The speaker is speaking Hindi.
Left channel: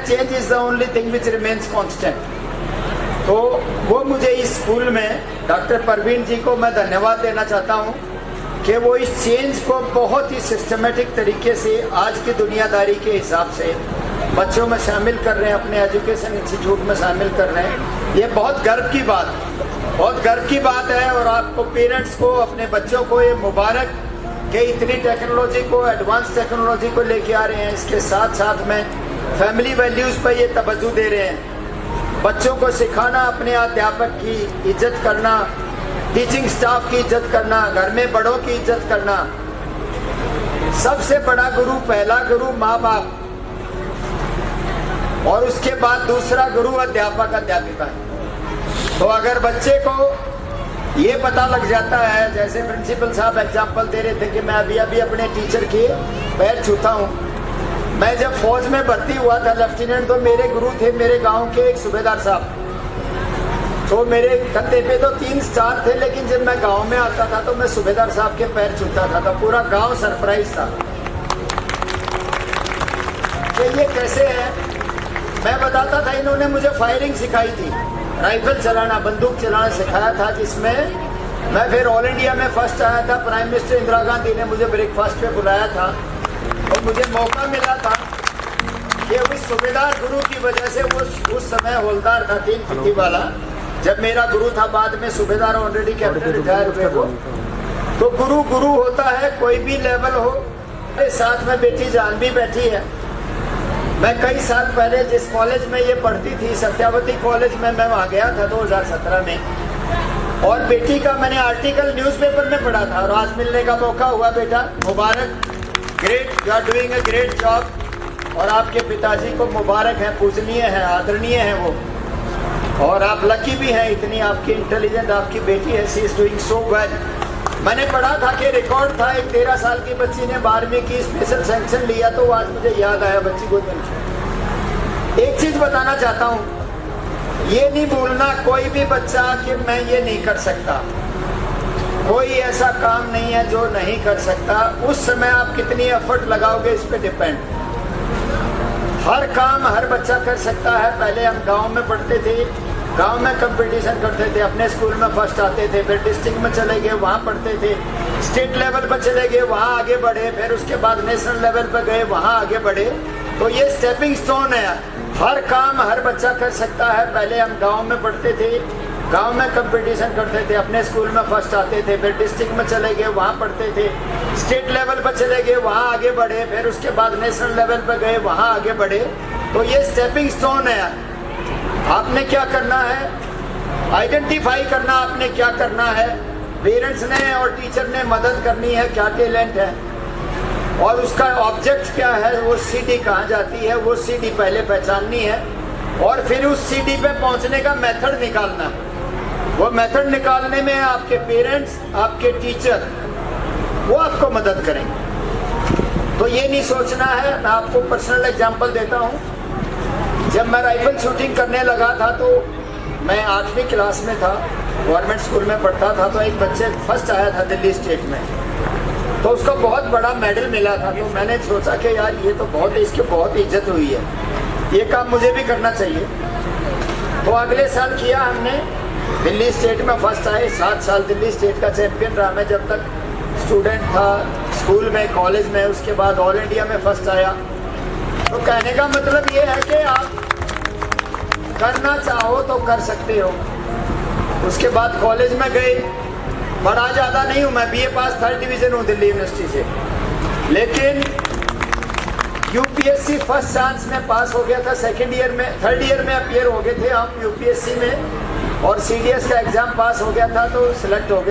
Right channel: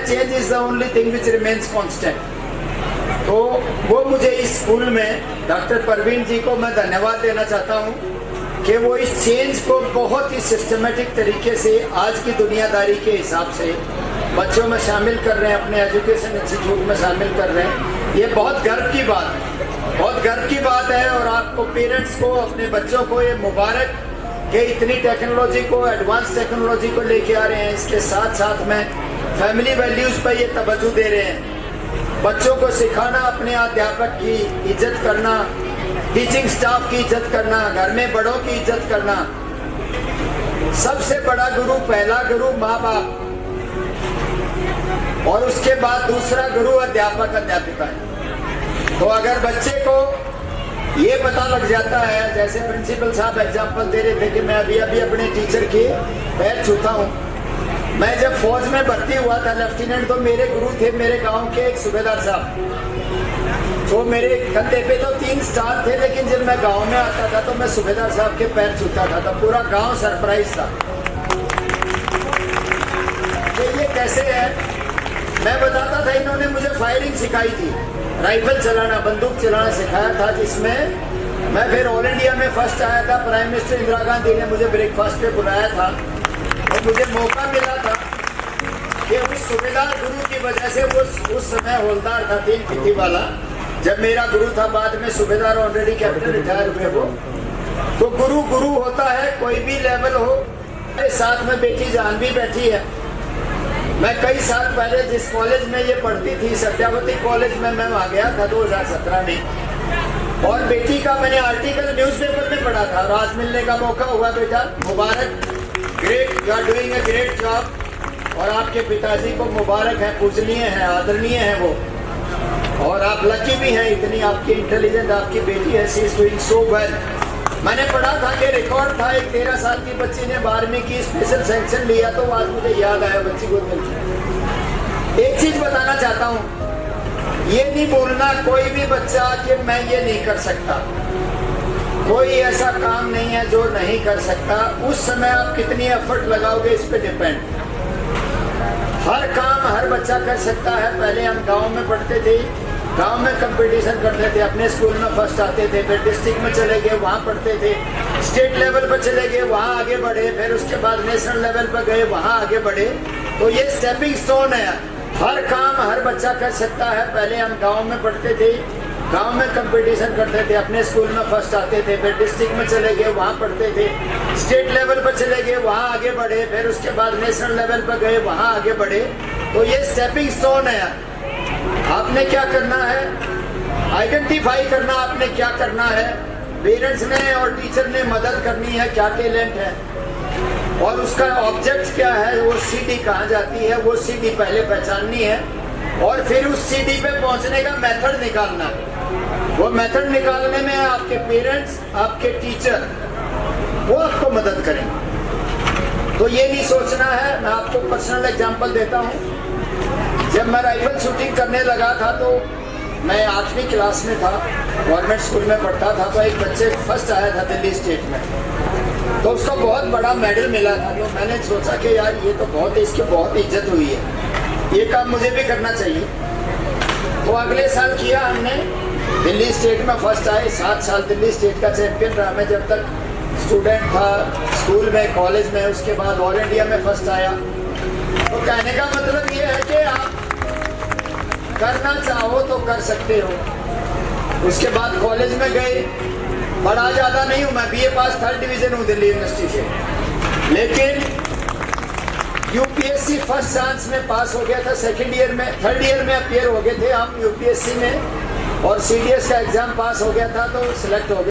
Change is the only thing which remains constant. तो वो मुझे इस स्कूल में डॉक्टर परवीन जी को मैं धन्यवाद देना चाहता हूँ कि वो इस चेंज को बहुत ही सिस्टमेटिक तरीके से आज की दुनियादारी के हिसाब से बच्चों में शामिल कर रहे हैं, अपने एजुकेशन इंस्टीट्यूट में शामिल कर रहे हैं। ये बहुत गर्व की बात है, बहुत गर्व की बात है। और आपको पेरेंट्स को, अपने बच्चों को ये मुबारक कि इतनी टेक्नोलॉजी को, एडवांस टेक्नोलॉजी को लेके आ रहे हैं। इसके साथ साथ में फैमिली वैल्यूज पर ये तवज्जो दे रहे हैं। बच्चों को सिखाना, अपने अध्यापक की इज्जत करना, टीचिंग स्टाफ की इज्जत करना, घर में बड़ों की इज्जत करना। सबसे बड़ा गुरु, पहला गुरु माँ बाप, और उसके बाद दूसरा गुरु अध्यापक अध्यापिका है। तो अगर बच्चे को ये पता लग जाता है, जैसे प्रिंसिपल साहब एग्जाम्पल दे रहे थे कि मैं अभी अभी अपने टीचर के पैर छूता हूँ। मैं जब फौज में भर्ती हुआ था लेफ्टिनेंट, तो मेरे गुरु थे मेरे गांव के एक सूबेदार साहब। तो मेरे कंधे पे तो 3 स्टार थे, लेकिन जब मैं गांव में आता था तो मैं सूबेदार साहब के पैर छूता था, तो पूरा गांव सरप्राइज था। तो ये कैसे है मैं बताता था। इन्होंने मुझे फायरिंग सिखाई थी, राइफल चलाना, बंदूक चलाना सिखाया था, जिसमें मैं फिर ऑल इंडिया में फर्स्ट आया था। प्राइम मिनिस्टर इंदिरा गांधी ने मुझे ब्रेकफास्ट पे बुलाया था और मुझे मौका मिला था कि उस सूबेदार गुरु की वजह से, वो उस समय हवलदार था 3 फीटी वाला, जब मेरा गुरु था, बाद में सूबेदार ऑलरेडी कैप्टन रिटायर हुए वो। तो गुरु गुरु होता है, कोई भी लेवल हो। मेरे साथ में बेटी जान भी बैठी है। मैं कई साल पहले जिस कॉलेज में ये पढ़ती थी, सत्यावती कॉलेज में, मैं वहाँ गया था 2017 में, और बेटी का मैंने आर्टिकल न्यूज़पेपर में पढ़ा था और आज मिलने का मौका हुआ। बेटा मुबारक, great, you are doing a great job. और आपके पिताजी को मुबारक है, पूजनीय है, आदरणीय है वो, और आप लकी भी हैं, इतनी आपकी इंटेलिजेंट आपकी बेटी है। She is doing so well. मैंने पढ़ा था कि रिकॉर्ड था, एक 13 साल की बच्ची ने 12वीं की स्पेशल सेक्शन लिया, तो आज मुझे याद आया बच्ची को मिल। एक चीज बताना चाहता हूँ, ये नहीं बोलना कोई भी बच्चा कि मैं ये नहीं कर सकता। कोई ऐसा काम नहीं है जो नहीं कर सकता। उस समय आप कितनी एफर्ट लगाओगे इस पे डिपेंड। हर काम हर बच्चा कर सकता है। पहले हम गांव में पढ़ते थे, गांव में कंपटीशन करते थे, अपने स्कूल में फर्स्ट आते थे, फिर डिस्ट्रिक्ट में चले गए, वहाँ पढ़ते थे, स्टेट लेवल पर चले गए, वहाँ आगे बढ़े, फिर उसके बाद नेशनल लेवल पर गए, वहाँ आगे बढ़े। तो ये स्टेपिंग स्टोन है। हर काम हर बच्चा कर सकता है। पहले हम गांव में पढ़ते थे, गांव में कंपटीशन करते थे, अपने स्कूल में फर्स्ट आते थे, फिर डिस्ट्रिक्ट में चले गए, वहाँ पढ़ते थे, स्टेट लेवल पर चले गए, वहाँ आगे बढ़े, फिर उसके बाद नेशनल लेवल पर गए, वहाँ आगे बढ़े। तो ये स्टेपिंग स्टोन है। आपने क्या करना है, आइडेंटिफाई करना आपने क्या करना है। पेरेंट्स ने और टीचर ने मदद करनी है, क्या टैलेंट है और उसका ऑब्जेक्ट क्या है, वो सीडी कहाँ जाती है, वो सीडी पहले पहचाननी है, और फिर उस सीडी पे पहुंचने का मेथड निकालना। वो मेथड निकालने में आपके पेरेंट्स, आपके टीचर, वो आपको मदद करेंगे। तो ये नहीं सोचना है। मैं आपको पर्सनल एग्जांपल देता हूँ। जब मैं राइफल शूटिंग करने लगा था, तो मैं 8वीं क्लास में था, गवर्नमेंट स्कूल में पढ़ता था। तो एक बच्चे फर्स्ट आया था दिल्ली स्टेट में, तो उसको बहुत बड़ा मेडल मिला था। तो मैंने सोचा कि यार ये तो बहुत, इसकी बहुत इज्जत हुई है, ये काम मुझे भी करना चाहिए। तो अगले साल किया हमने, दिल्ली स्टेट में फर्स्ट आए। 7 साल दिल्ली स्टेट का चैंपियन रहा मैं जब तक स्टूडेंट था, स्कूल में, कॉलेज में। उसके बाद ऑल इंडिया में फर्स्ट आया। तो कहने का मतलब ये है कि आप करना चाहो तो कर सकते हो। उसके बाद कॉलेज में गए, बड़ा ज़्यादा नहीं हूँ मैं, बीए पास 3rd डिवीजन हूँ दिल्ली यूनिवर्सिटी से, लेकिन यूपीएससी फर्स्ट चांस में पास हो गया था। 2nd ईयर में, 3rd ईयर में अपीयर हो गए थे हम यूपीएससी में, और सीडीएस का एग्जाम पास हो गया था, तो सिलेक्ट हो गया।